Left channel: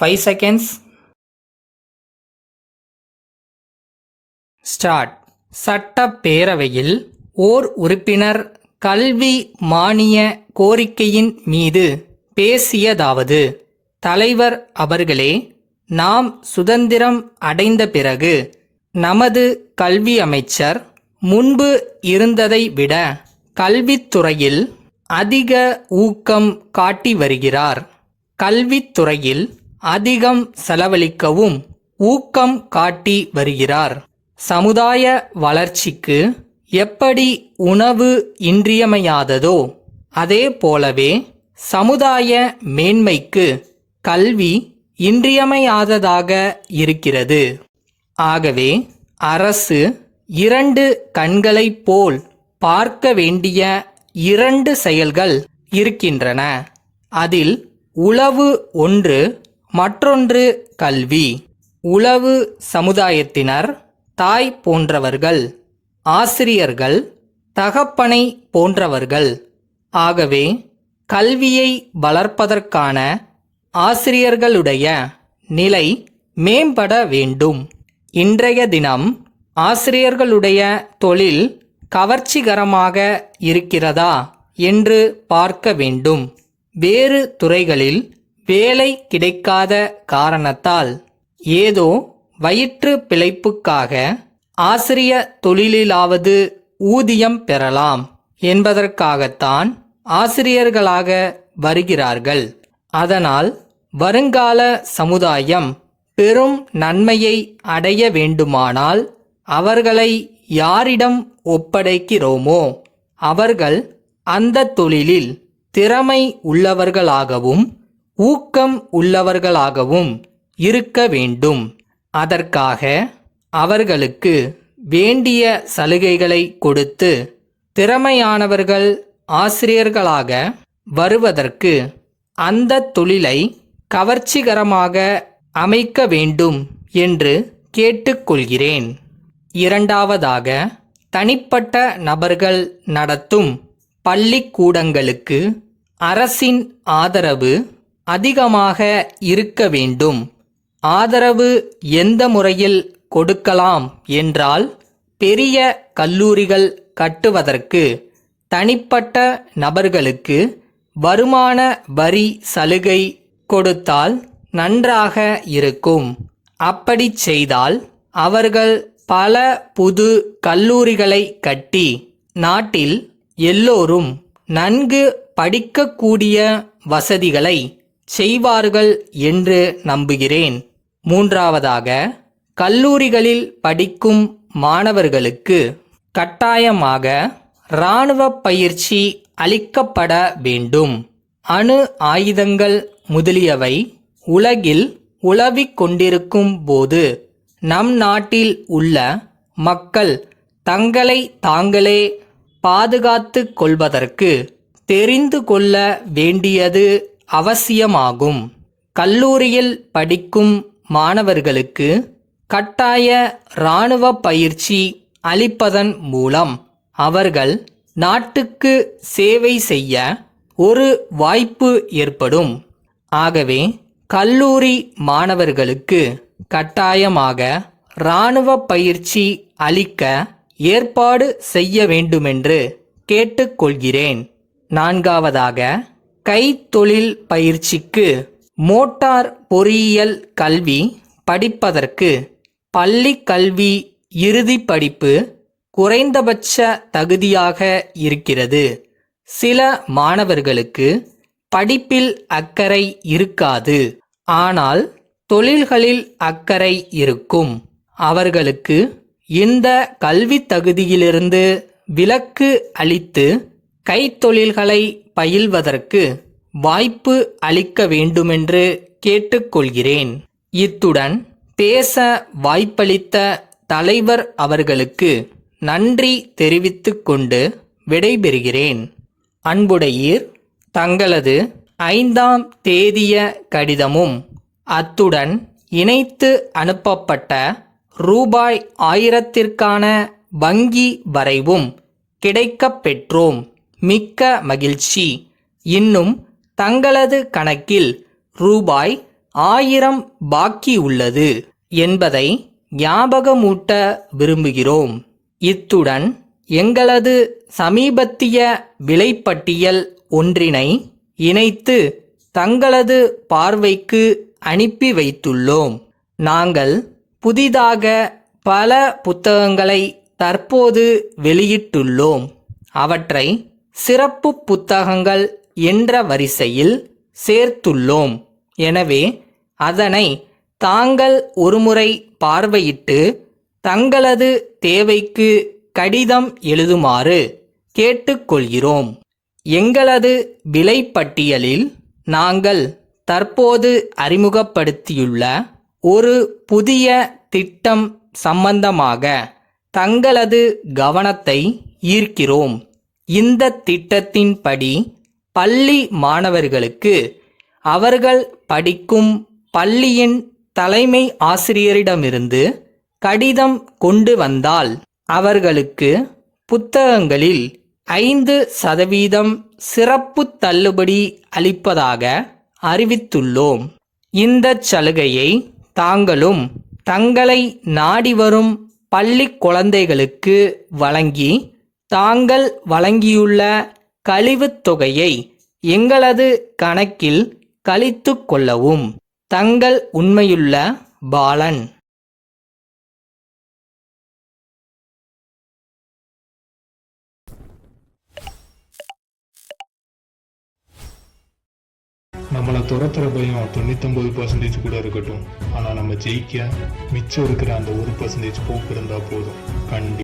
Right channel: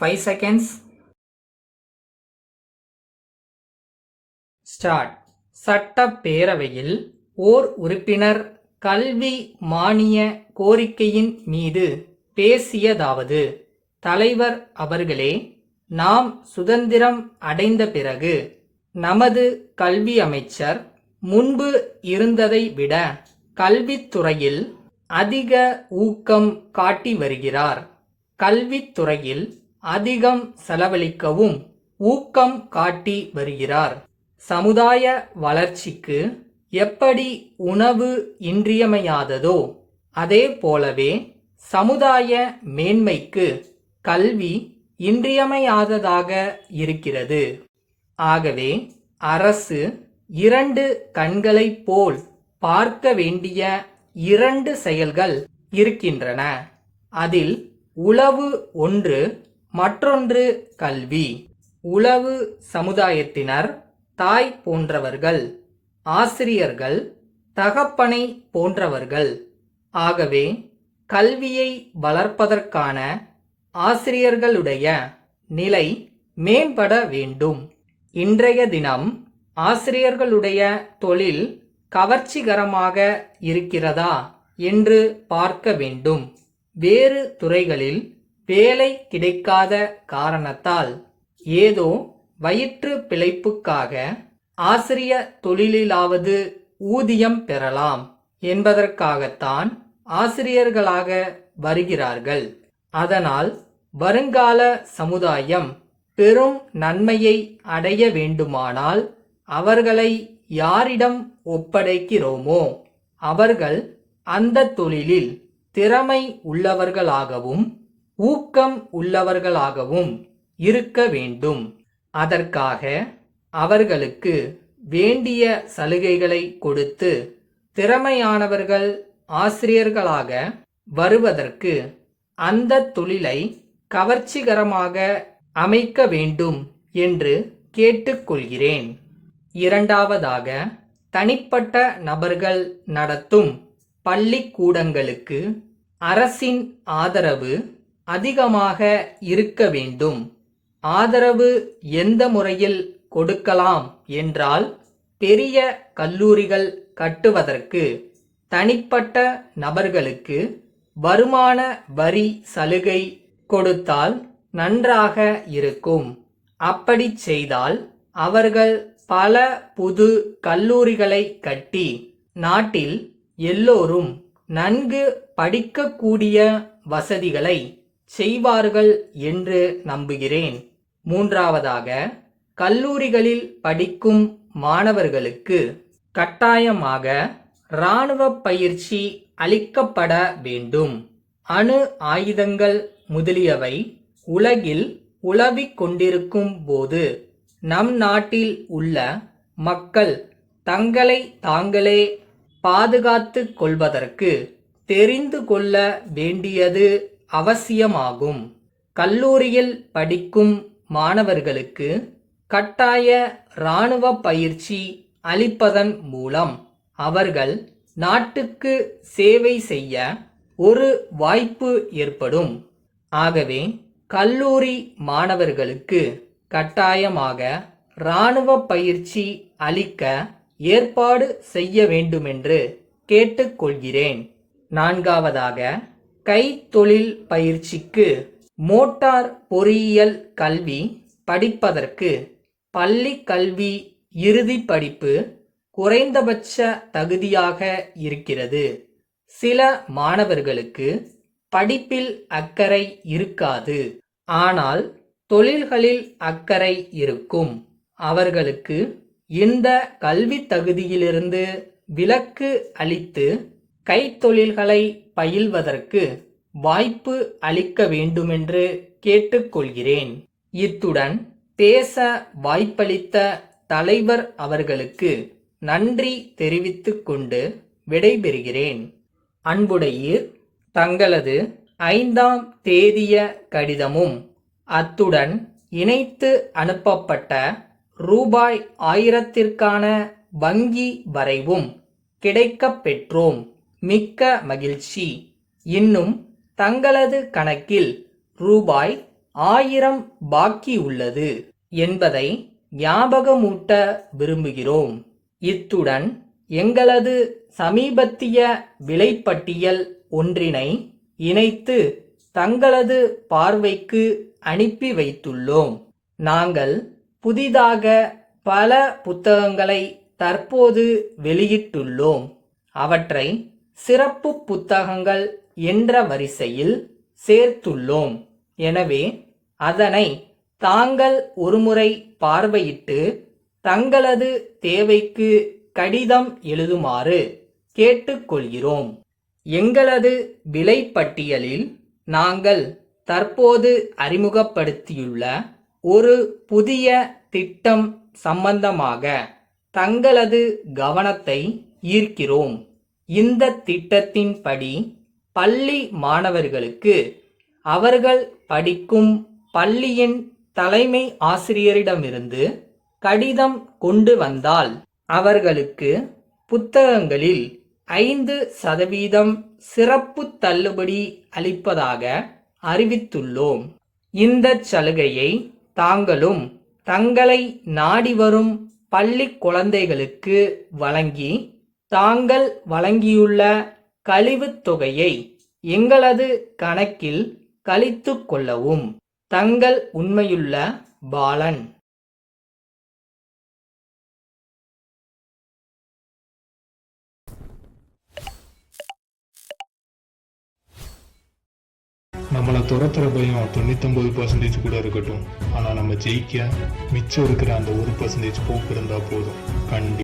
5 seconds. Start. சட்டப்பேரவையில் ஓர் உறுப்பினர் கல்வி மானிய கோரிக்கையின் மீது பேசியதாவது: தலைவர் அவர்களே, நாம் சுதந்திரம் அடைந்த பிறகு நமது கல்வி அமைச்சர் முன்பு இருந்ததை விட கல்வித்துறையில் அதிக ஊக்கம் காட்டி வருகிறார். கல்வித்துறையில் அதிகம் செலவழிக்கவும் ஊக்கம் காட்டி வருகிறார். சமுதாய வளர்ச்சிக்கு எப்படி உணவு இன்றியமையாததோ அதே போலவே சமுதாய மேன்மைக்கு கல்வி இன்றியமையாததாக இருக்கிறது. ஆகவே அரசு 2 கண்களைப் போல் பார்க்க வேண்டிய 2 செயல்கள் இருக்கின்றன. அதில் உளவு ஒன்று, மற்றொன்று கல்வி. உளவு சமுதாயத்தினர் தாய் போன்றவர்கள், ஆசிரியர்கள் தகப்பனை போன்றவர்கள். ஆகவே கல்வியை வளர்ப்பதற்கான ஆசிரியர்களுடைய நிலை மேம்பட வேண்டும். இன்றைய தினம் ஆசிரியர்களுடைய தொழில் கவர்ச்சிகரமாக இருக்கிறதா என்று பார்க்க வேண்டும். வேறு துறைகளில் வேலை கிடைக்காத காரணத்தால் ஏதோ வயிற்று பிழைப்புக்காக ஆசிரிய தொழிலிலாவது ஊதியம் பெறலாம் என்பதற்காகத்தான் ஆசிரியர்களாக வருகிறார்கள். அதனால் வருங்கால சமுதாயம் பெரும் நன்மையை அடைய வேண்டுமானால் அவர்களை யாரிடம் ஒப்படைக்கிறோமோ அவர்கள் அந்த தொழிலில் திறமை உள்ளவர்களாகவும் ஊக்கம் உள்ளவர்களாகவும் இருக்க வேண்டும். அதற்காக அவர்களுக்கு வேண்டிய சலுகைகளை கொடுத்து திறமையானவர்கள் ஆசிரியர்களாக வருவதற்கு அந்த தொழிலை கவர்ச்சிகரமாக அமைக்க வேண்டும் என்று கேட்டுக்கொள்கிறேன். இரண்டாவதாக, தனிப்பட்ட நபர்கள் நடத்தும் பள்ளிக்கூடங்களுக்கு அரசின் ஆதரவு அதிகமாக இருக்க வேண்டும். ஆதரவு எந்த முறையில் கொடுக்கலாம் என்றால், பெரிய கல்லூரிகள் கட்டுவதற்கு தனிப்பட்ட நபர்களுக்கு வருமான வரி சலுகை கொடுத்தால் நன்றாக இருக்கும். அப்படி செய்தால் அவர்கள் பல புது கல்லூரிகளை கட்டி நாட்டில் எல்லோரும் நன்கு படிக்கக்கூடிய வசதிகளை செய்வார்கள் என்று நம்புகிறேன். மூன்றாவதாக, கல்லூரிகளில் படிக்கும் மாணவர்களுக்கு கட்டாயமாக இராணுவ பயிற்சி அளிக்கப்பட வேண்டும். அணு ஆயுதங்கள் முதலியவை உலகில் உலவிக் கொண்டிருக்கும் போது நம் நாட்டில் உள்ள மக்கள் தங்களை தாங்களே பாதுகாத்து கொள்வதற்கு தெரிந்து கொள்ள வேண்டியது அவசியமாகும். கல்லூரியில் படிக்கும் மாணவர்களுக்கு கட்டாய இராணுவ பயிற்சி அளிப்பதன் மூலம் அவர்கள் நாட்டுக்கு சேவை செய்ய ஒரு வாய்ப்பு ஏற்படும். ஆகவே கல்லூரி மாணவர்களுக்கு கட்டாயமாக இராணுவ பயிற்சி அளிக்க ஏற்பாடு செய்ய வேண்டுமென்று கேட்டுக்கொள்கிறேன். நான்காவதாக, கைத்தொழில் பயிற்சிக்கு மோட்டார் பொறியியல் கல்வி படிப்பதற்கு பள்ளி கல்வி இறுதி படிப்பு குறைந்தபட்ச தகுதியாக இருக்கிறது. சில மாணவர்களுக்கு படிப்பில் அக்கறை இருக்காது, ஆனால் தொழில்களில் அக்கறை இருக்கும். அவர்களுக்கு இந்த கல்வி தகுதியிலிருந்து விலக்கு அளித்து கைத்தொழில்களை பயில்வதற்கு வாய்ப்பு அளிக்க வேண்டுமென்று கேட்டுக்கொள்கிறேன். இத்துடன் பேச வாய்ப்பளித்த தலைவர் அவர்களுக்கு நன்றி தெரிவித்துக் கொண்டு விடைபெறுகிறேன். அன்புடையீர், தங்களது 5ஆம் தேதிய கடிதமும் அத்துடன் இணைத்து அனுப்பப்பட்ட ரூபாய் 1000ற்கான வங்கி வரைவும் கிடைக்கப் பெற்றோம். மிக்க மகிழ்ச்சி. இன்னும் தங்களது கணக்கில் ரூபாய் 1000 பாக்கி உள்ளது என்பதை ஞாபகமூட்ட விரும்புகிறோம். இத்துடன் எங்களது சமீபத்திய விலைப்பட்டியல் ஒன்றினை இணைத்து தங்களது பார்வைக்கு அனுப்பி வைத்துள்ளோம். நாங்கள் புதிதாக பல புத்தகங்களை தற்போது வெளியிட்டுள்ளோம். அவற்றை சிறப்பு புத்தகங்கள் என்ற வரிசையில் சேர்த்துள்ளோம். எனவே அதனை தாங்கள் ஒருமுறை பார்வையிட்டு தங்களது தேவைக்கு கடிதம் எழுதுமாறு கேட்டுக்கொள்கிறோம். எங்களது விலைப்பட்டியலில் நாங்கள் தற்போது அறிமுகப்படுத்தியுள்ள ஒரு புதிய திட்டம் சம்பந்தமாக தங்களது கவனத்தை ஈர்க்கிறோம். இந்த திட்டத்தின்படி பள்ளி மாணவர்களுக்கு அவர்கள் படிக்கும் பள்ளியின் தலைமை ஆசிரியரிடமிருந்து கடிதம் கொண்டு வந்தால் அவர்களுக்கு புத்தகங்களில் 5% சிறப்பு தள்ளுபடி அளிப்பதாக அறிவித்துள்ளோம். இந்த சலுகையை தாங்களும் தங்களை நாடி வரும் பள்ளி குழந்தைகளுக்கு வழங்கி தாங்கள் வழங்கியுள்ள கழிவுத் தொகையை எங்களது கணக்கில் கழித்து கொள்ளவும். தங்கள் உண்மையுள்ள பாலன். நம்மளை துரத்துற பயம் 99% கூட இருக்கட்டும், ஆனா நம்ம ஜெயிக்க மிச்சம் இருக்கிற அந்த 1% போக்கு இருந்தா போதும். கண்டிப்பா